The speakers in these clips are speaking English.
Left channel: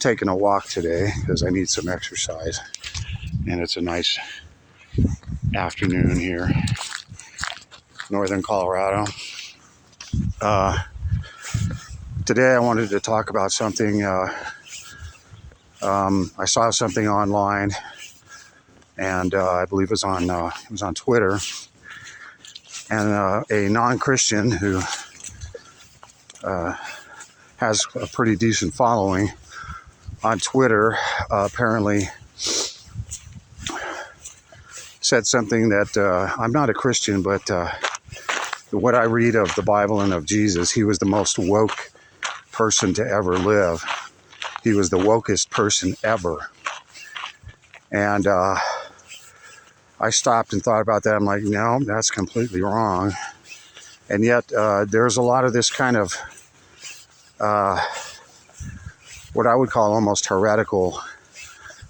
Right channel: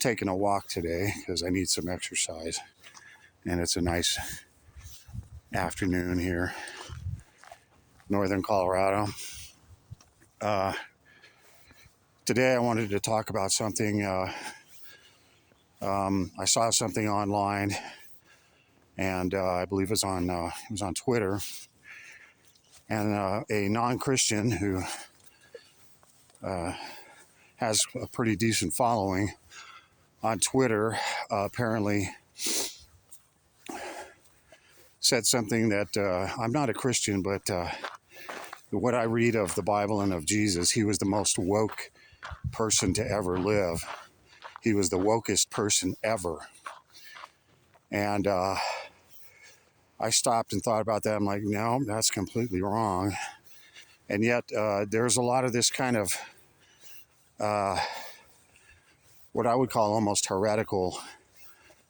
Taking a walk today because I need some exercise, and it's a nice afternoon here, northern Colorado. Today I wanted to talk about something. I saw something online, and I believe it was on Twitter, and a non-Christian who has a pretty decent following on Twitter apparently said something that I'm not a Christian, but what I read of the Bible and of Jesus, he was the most woke person to ever live. He was the wokest person ever. And I stopped and thought about that. I'm like, no, that's completely wrong. And yet there's a lot of this kind of what I would call almost heretical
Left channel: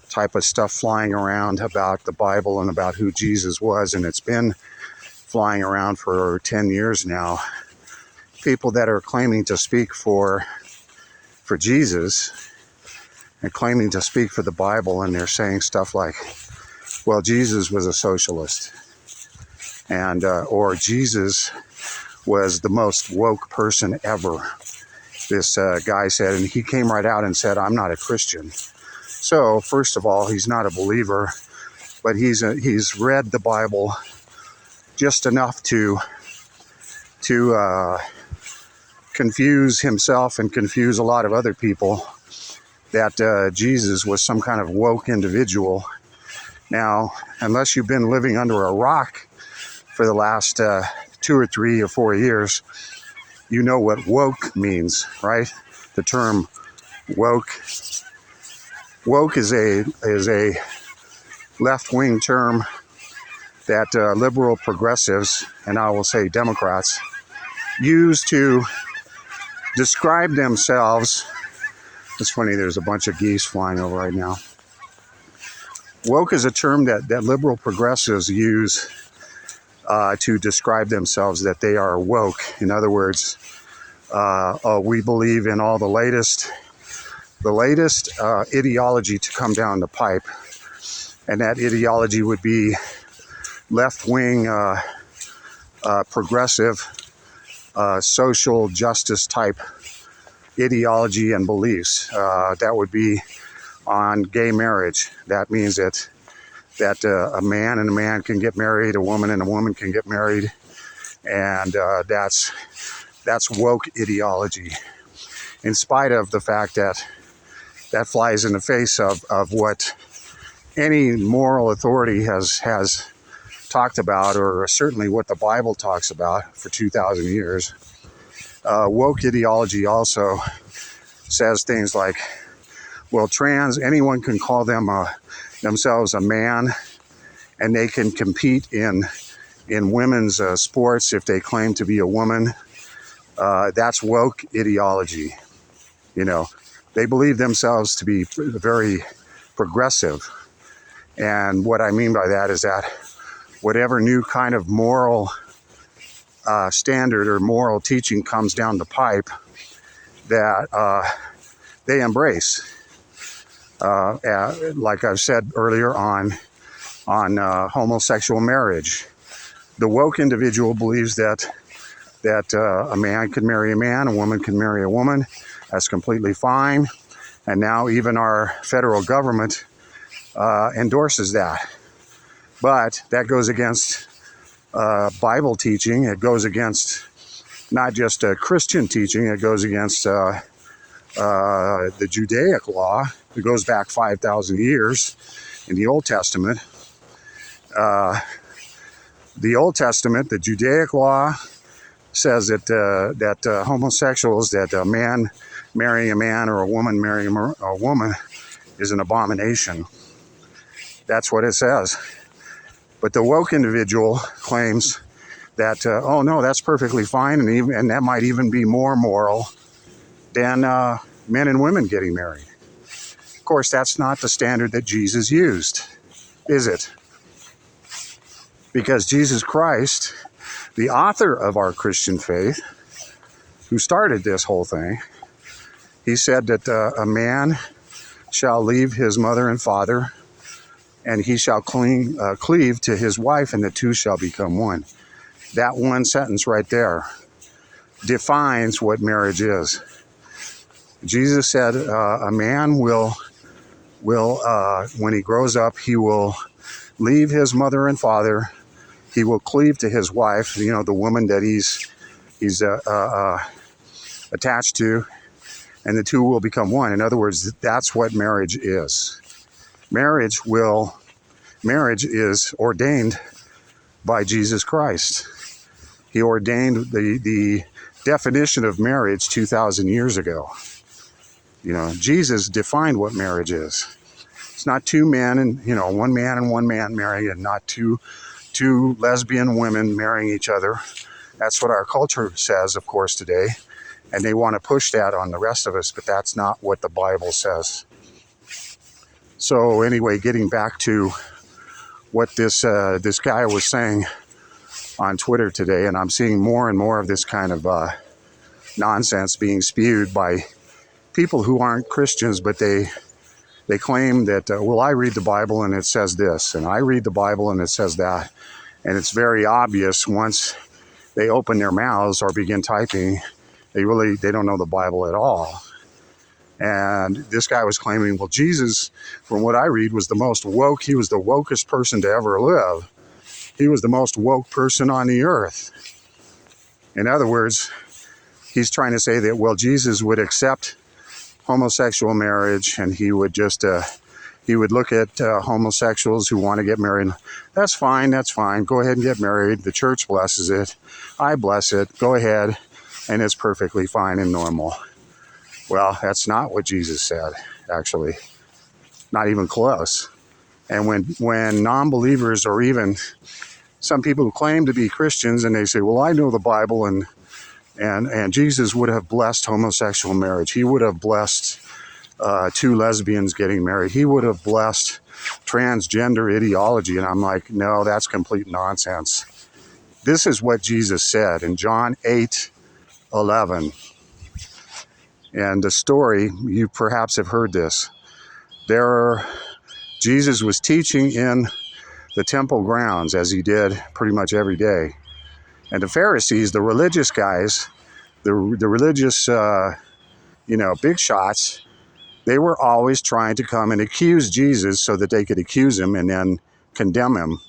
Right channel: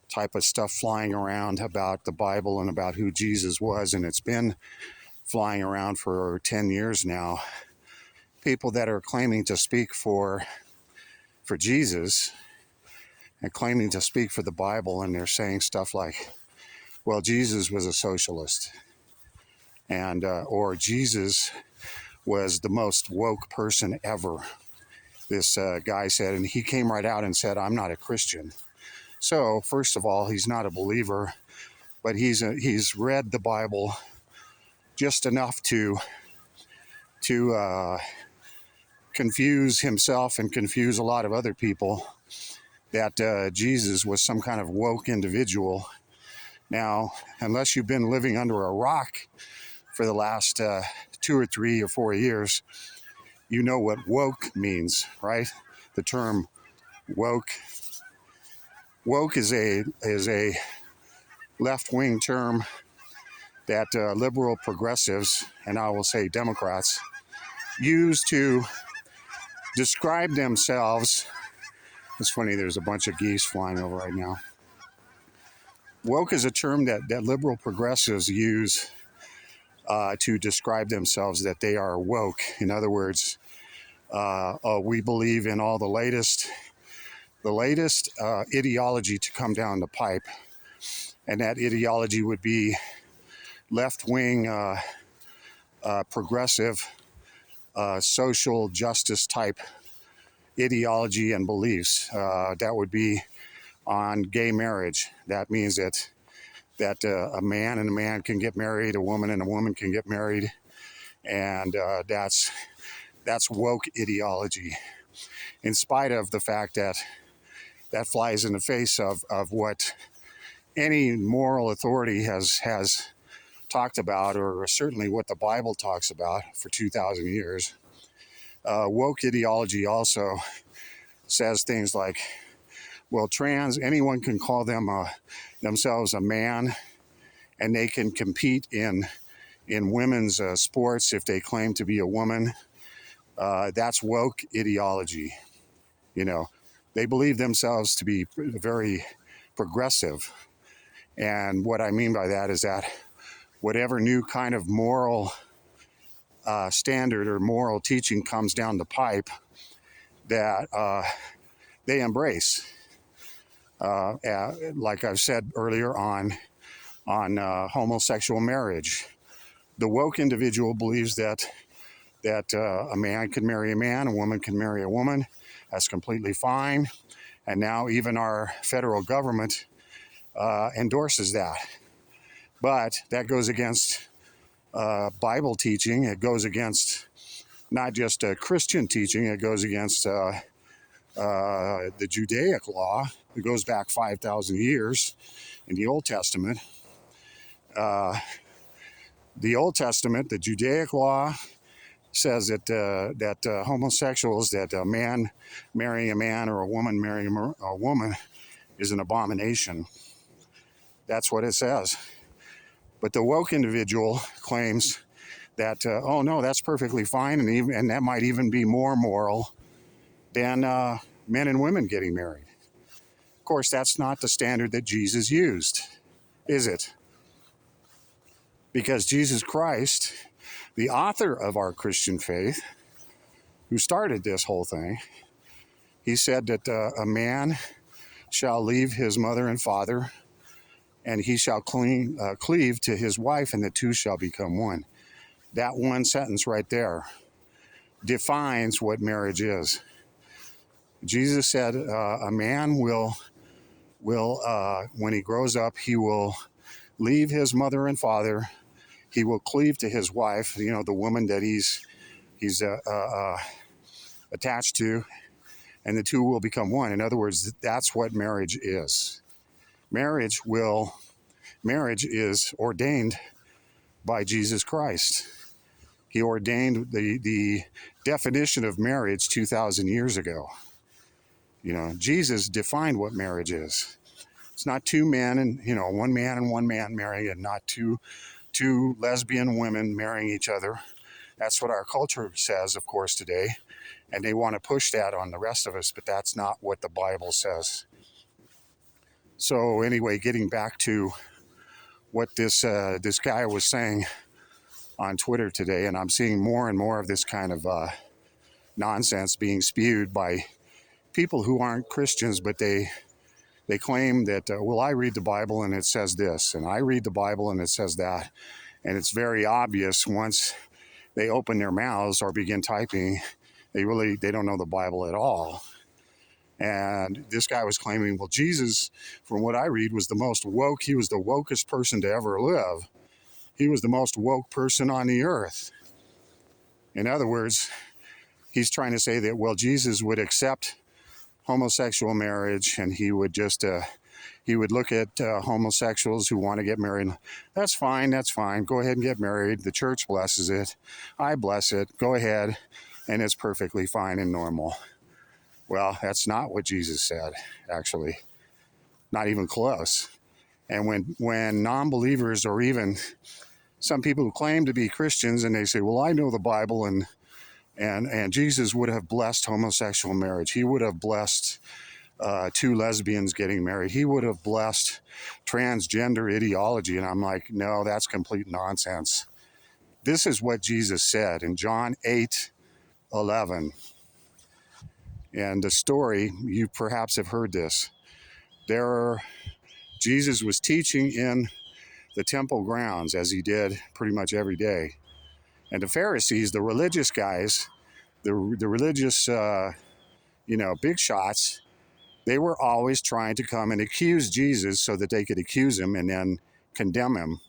type of stuff flying around about the Bible and about who Jesus was, and it's been flying around for 10 years now. People that are claiming to speak for Jesus and claiming to speak for the Bible, and they're saying stuff like, well, Jesus was a socialist, and or Jesus was the most woke person ever. This guy said, and he came right out and said, I'm not a Christian. So, first of all, he's not a believer, but he's read the Bible just enough to confuse himself and confuse a lot of other people that Jesus was some kind of woke individual. Now, unless you've been living under a rock for the last 2 or 3 or 4 years, you know what woke means, right? The term woke. Woke is a left-wing term that liberal progressives, and I will say Democrats, use to describe themselves. It's funny, there's a bunch of geese flying over right now. Woke is a term that liberal progressives use to describe themselves, that they are woke. In other words, we believe in all the latest ideology to come down the pipe, and that ideology would be left-wing, progressive, social justice type ideology and beliefs. That would be on gay marriage. That means that a man and a man can get married, a woman and a woman can get married, and that's woke ideology. In spite of the fact that flies in the face of what any moral authority has talked about, or certainly what the Bible talks about for 2,000 years. Woke ideology also says things like, well, anyone can call themselves a man, and they can compete in women's sports if they claim to be a woman. That's woke ideology. You know, they believe themselves to be very progressive. And what I mean by that is that whatever new kind of moral standard or moral teaching comes down the pipe, that they embrace. Like I've said earlier on homosexual marriage, the woke individual believes that a man could marry a man, a woman can marry a woman. That's completely fine. And now even our federal government endorses that. But that goes against Bible teaching. It goes against not just Christian teaching. It goes against the Judaic law. It goes back 5,000 years in the Old Testament. The Old Testament, the Judaic law, says that homosexuals, that a man marrying a man or a woman marrying a woman is an abomination. That's what it says. But the woke individual claims that, oh no, that's perfectly fine, and that might even be more moral than men and women getting married. Of course, that's not the standard that Jesus used, is it? Because Jesus Christ, the author of our Christian faith, who started this whole thing, he said that a man shall leave his mother and father, and he shall cleave to his wife, and the two shall become one. That one sentence right there defines what marriage is. Jesus said a man will when he grows up, he will leave his mother and father. He will cleave to his wife, the woman that he's attached to, and the two will become one. In other words, that's what marriage is. Marriage is ordained by Jesus Christ. He ordained the definition of marriage 2,000 years ago. Jesus defined what marriage is. It's not two men and, one man and one man marrying, and not two lesbian women marrying each other. That's what our culture says, of course, today. And they want to push that on the rest of us, but that's not what the Bible says. So anyway, getting back to what this guy was saying on Twitter today, and I'm seeing more and more of this kind of nonsense being spewed by people who aren't Christians, but they claim that, I read the Bible and it says this, and I read the Bible and it says that. And it's very obvious once they open their mouths or begin typing, they don't know the Bible at all. And this guy was claiming, Jesus, from what I read, was the most woke. He was the wokest person to ever live. He was the most woke person on the earth. In other words, he's trying to say that, Jesus would accept homosexual marriage, and he would just he would look at homosexuals who want to get married. That's fine. Go ahead and get married. The church blesses it. I bless it. Go ahead. And it's perfectly fine and normal. Well, that's not what Jesus said, actually. Not even close. And when non-believers, or even some people who claim to be Christians, and they say, I know the Bible, and Jesus would have blessed homosexual marriage. He would have blessed two lesbians getting married. He would have blessed transgender ideology. And I'm like, no, that's complete nonsense. This is what Jesus said in John 8:11. And the story, you perhaps have heard this. Jesus was teaching in the temple grounds, as he did pretty much every day. And the Pharisees, the religious guys, the religious, big shots, they were always trying to come and accuse Jesus so that they could accuse him and then condemn him.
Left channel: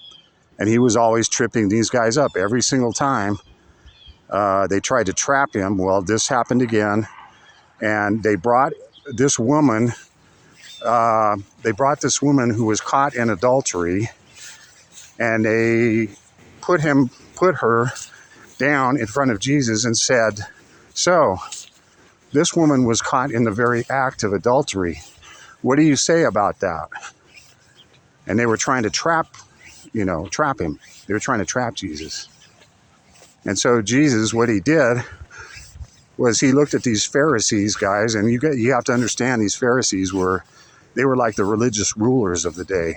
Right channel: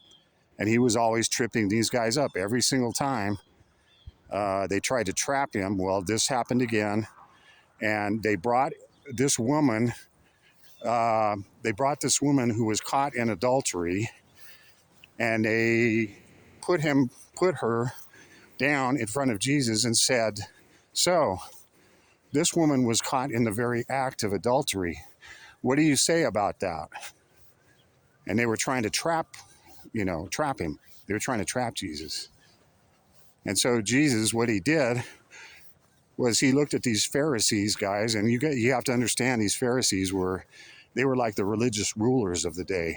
And he was always tripping these guys up every single time. They tried to trap him. Well, this happened again. And they brought this woman, who was caught in adultery, and they put her down in front of Jesus and said, so, this woman was caught in the very act of adultery. What do you say about that? And they were trying to trap him. They were trying to trap Jesus. And so Jesus, what he did was he looked at these Pharisees guys, and you have to understand, these Pharisees were like the religious rulers of the day.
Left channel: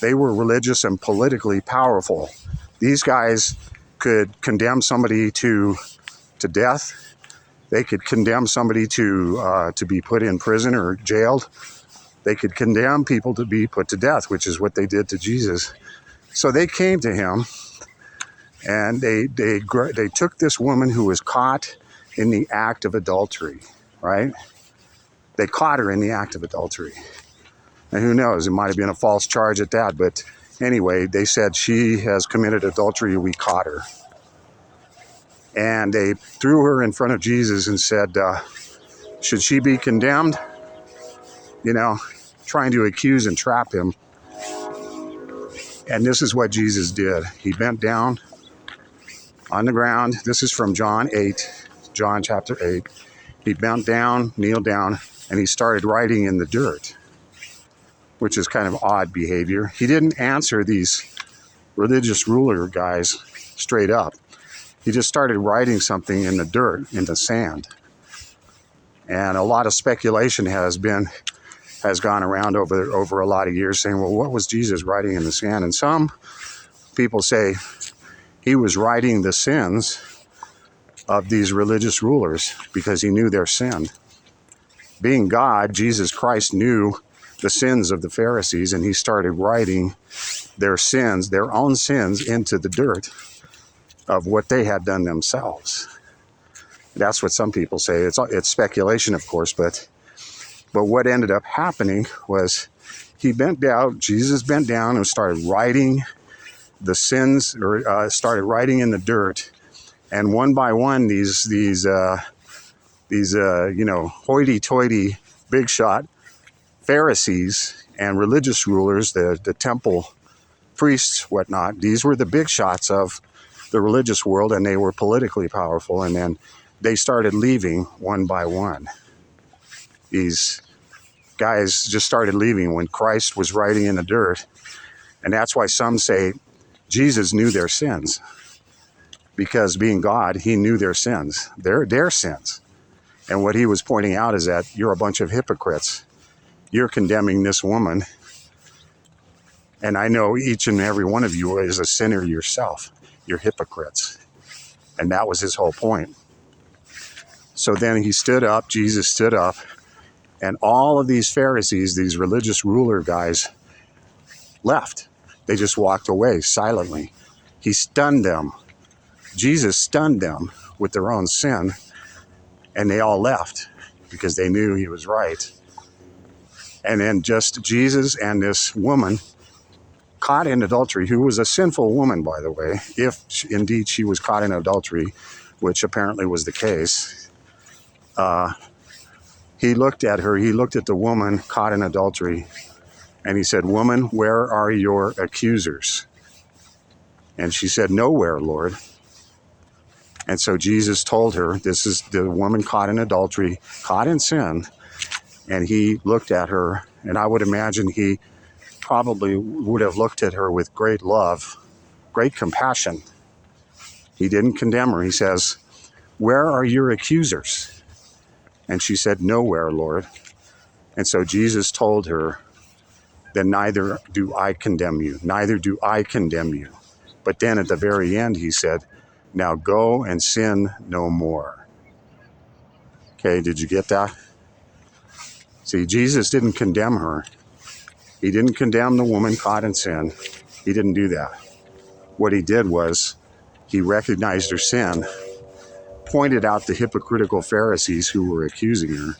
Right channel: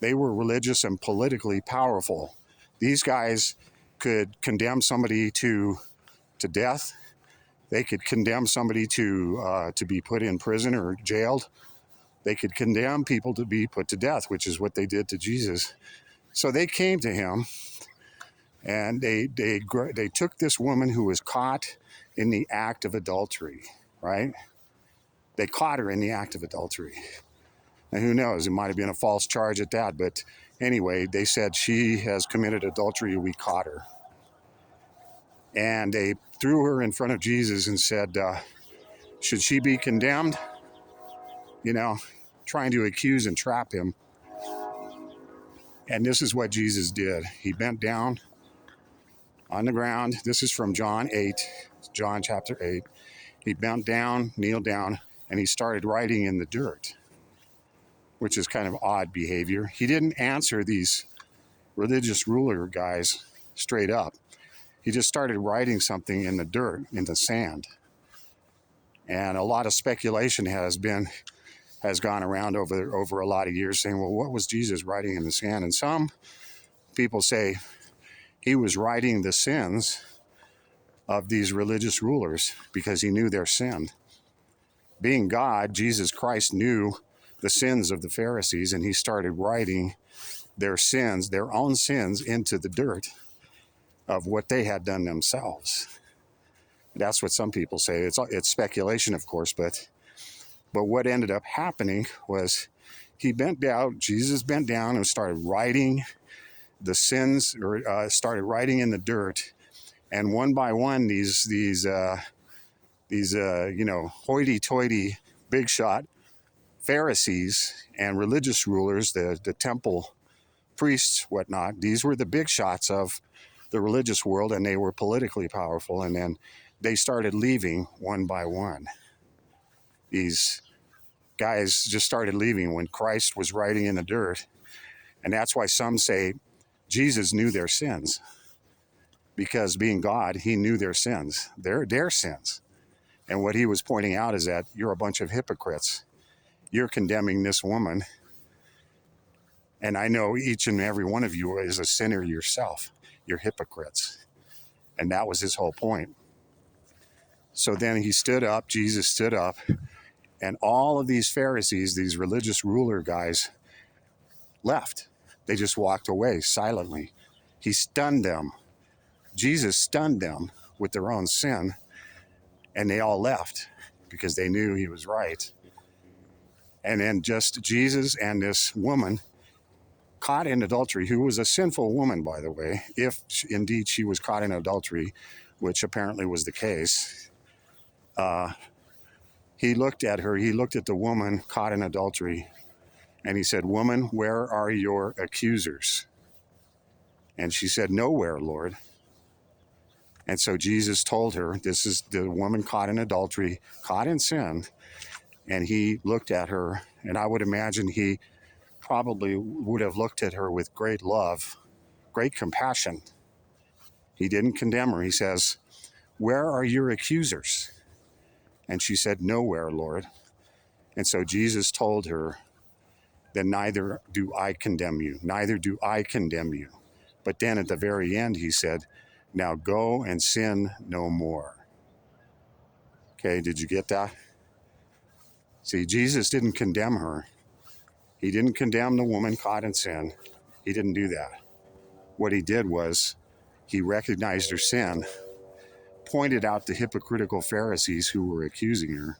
They were religious and politically powerful. These guys could condemn somebody to death. They could condemn somebody to be put in prison or jailed. They could condemn people to be put to death, which is what they did to Jesus. So they came to him, and they took this woman who was caught in the act of adultery, right? They caught her in the act of adultery. And who knows, it might have been a false charge at that, but anyway, they said she has committed adultery, we caught her. And they threw her in front of Jesus and said, should she be condemned? Trying to accuse and trap him. And this is what Jesus did. He bent down on the ground. This is from John chapter 8. He bent down, kneeled down, and he started writing in the dirt, which is kind of odd behavior. He didn't answer these religious ruler guys straight up. He just started writing something in the dirt, in the sand. And a lot of speculation has gone around over a lot of years saying, what was Jesus writing in the sand? And some people say he was writing the sins of these religious rulers because he knew their sin. Being God, Jesus Christ knew the sins of the Pharisees, and he started writing their sins, their own sins, into the dirt of what they had done themselves. That's what some people say. It's speculation, of course, but what ended up happening was Jesus bent down and started writing the sins, or started writing in the dirt, and one by one, these hoity-toity, big shot Pharisees and religious rulers, the temple priests, whatnot. These were the big shots of the religious world, and they were politically powerful. And then they started leaving one by one. These guys just started leaving when Christ was writing in the dirt. And that's why some say Jesus knew their sins, because being God, he knew their sins, their sins. And what he was pointing out is that you're a bunch of hypocrites. You're condemning this woman. And I know each and every one of you is a sinner yourself. You're hypocrites. And that was his whole point. So then he stood up, Jesus stood up, and all of these Pharisees, these religious ruler guys, left. They just walked away silently. He stunned them. Jesus stunned them with their own sin, and they all left because they knew he was right. And then just Jesus and this woman caught in adultery, who was a sinful woman, by the way, if indeed she was caught in adultery, which apparently was the case. He looked at her, he looked at the woman caught in adultery, and he said, "Woman, where are your accusers?" And she said, "Nowhere, Lord." And so Jesus told her, this is the woman caught in adultery, caught in sin. And he looked at her, and I would imagine he probably would have looked at her with great love, great compassion. He didn't condemn her. He says, "Where are your accusers?" And she said, "Nowhere, Lord." And so Jesus told her, "Then neither do I condemn you. Neither do I condemn you." But then at the very end, he said, "Now go and sin no more." Okay, did you get that? See, Jesus didn't condemn her. He didn't condemn the woman caught in sin. He didn't do that. What he did was he recognized her sin, pointed out the hypocritical Pharisees who were accusing her,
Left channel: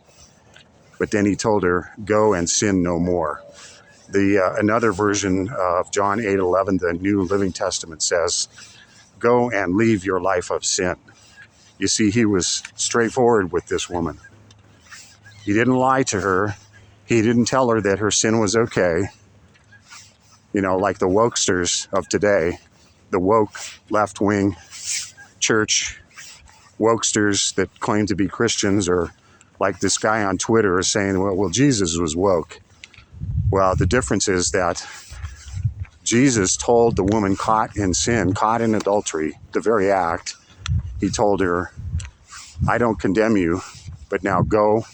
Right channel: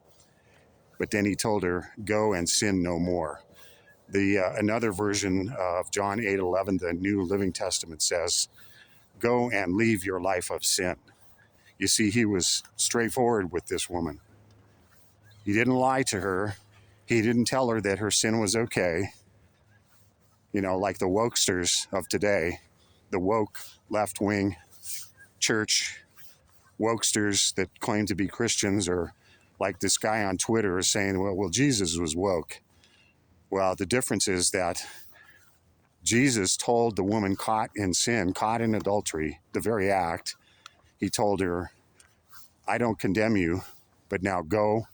but then he told her, "Go and sin no more." Another version of John 8:11, the New Living Testament, says, "Go and leave your life of sin." You see, he was straightforward with this woman. He didn't lie to her. He didn't tell her that her sin was okay. You know, like the wokesters of today, the woke left-wing church wokesters that claim to be Christians, or like this guy on Twitter is saying, well, Jesus was woke. Well, the difference is that Jesus told the woman caught in sin, caught in adultery, the very act, he told her, "I don't condemn you, but now go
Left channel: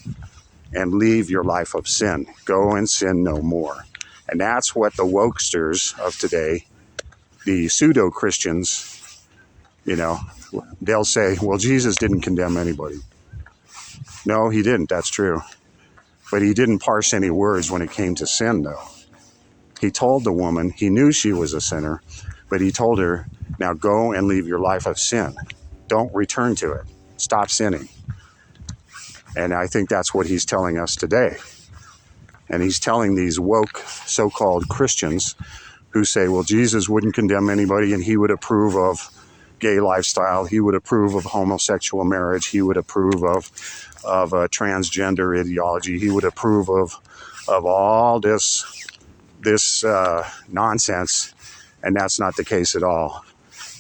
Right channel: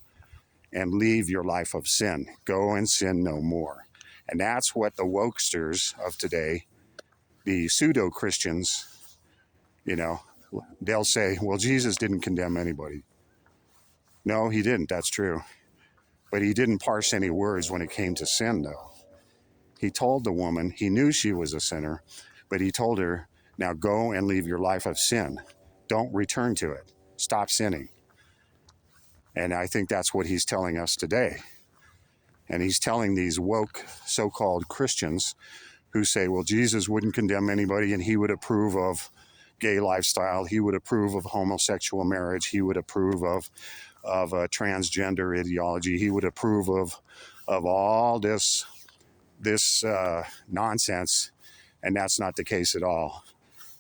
and leave your life of sin. Go and sin no more." And that's what the wokesters of today, the pseudo-Christians, they'll say, well, Jesus didn't condemn anybody. No, he didn't. That's true. But he didn't parse any words when it came to sin, though. He told the woman, he knew she was a sinner, but he told her, now go and leave your life of sin. Don't return to it. Stop sinning. And I think that's what he's telling us today. And he's telling these woke so-called Christians who say, well, Jesus wouldn't condemn anybody, and he would approve of gay lifestyle. He would approve of homosexual marriage. He would approve of transgender ideology. He would approve of all this nonsense. And that's not the case at all.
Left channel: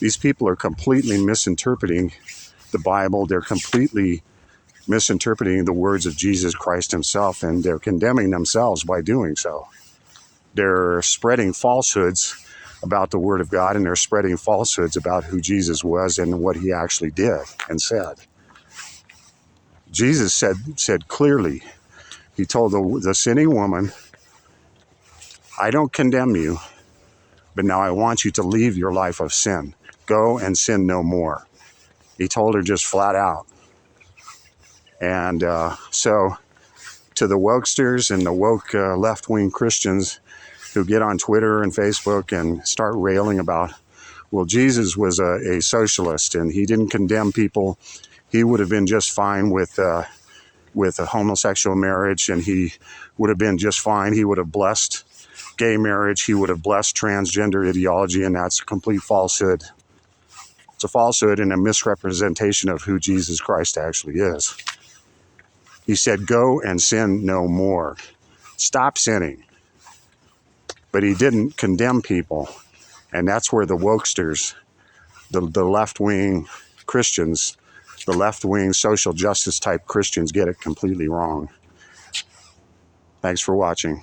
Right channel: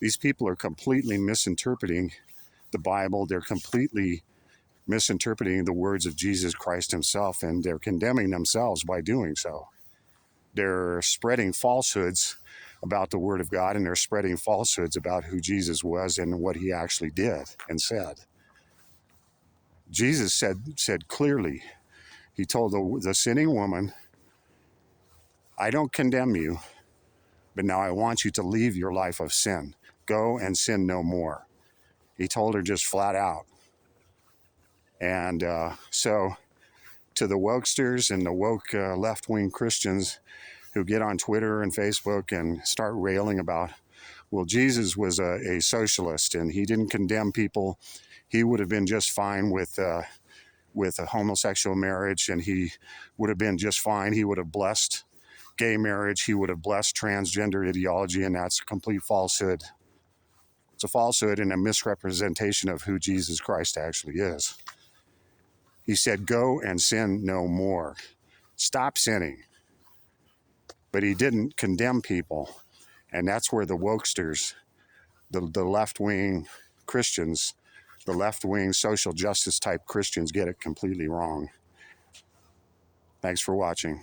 These people are completely misinterpreting the Bible. They're completely misinterpreting the words of Jesus Christ himself, and they're condemning themselves by doing so. They're spreading falsehoods about the Word of God, and they're spreading falsehoods about who Jesus was and what he actually did and said. Jesus said clearly, he told the sinning woman, I don't condemn you, but now I want you to leave your life of sin. Go and sin no more. He told her just flat out. And so to the wokesters and the woke left-wing Christians who get on Twitter and Facebook and start railing about, well, Jesus was a socialist and he didn't condemn people. He would have been just fine with a homosexual marriage, and he would have been just fine. He would have blessed gay marriage. He would have blessed transgender ideology, and that's a complete falsehood. It's a falsehood and a misrepresentation of who Jesus Christ actually is. He said, go and sin no more. Stop sinning. But he didn't condemn people. And that's where the wokesters, the left-wing Christians, the left-wing social justice type Christians get it completely wrong. Thanks for watching.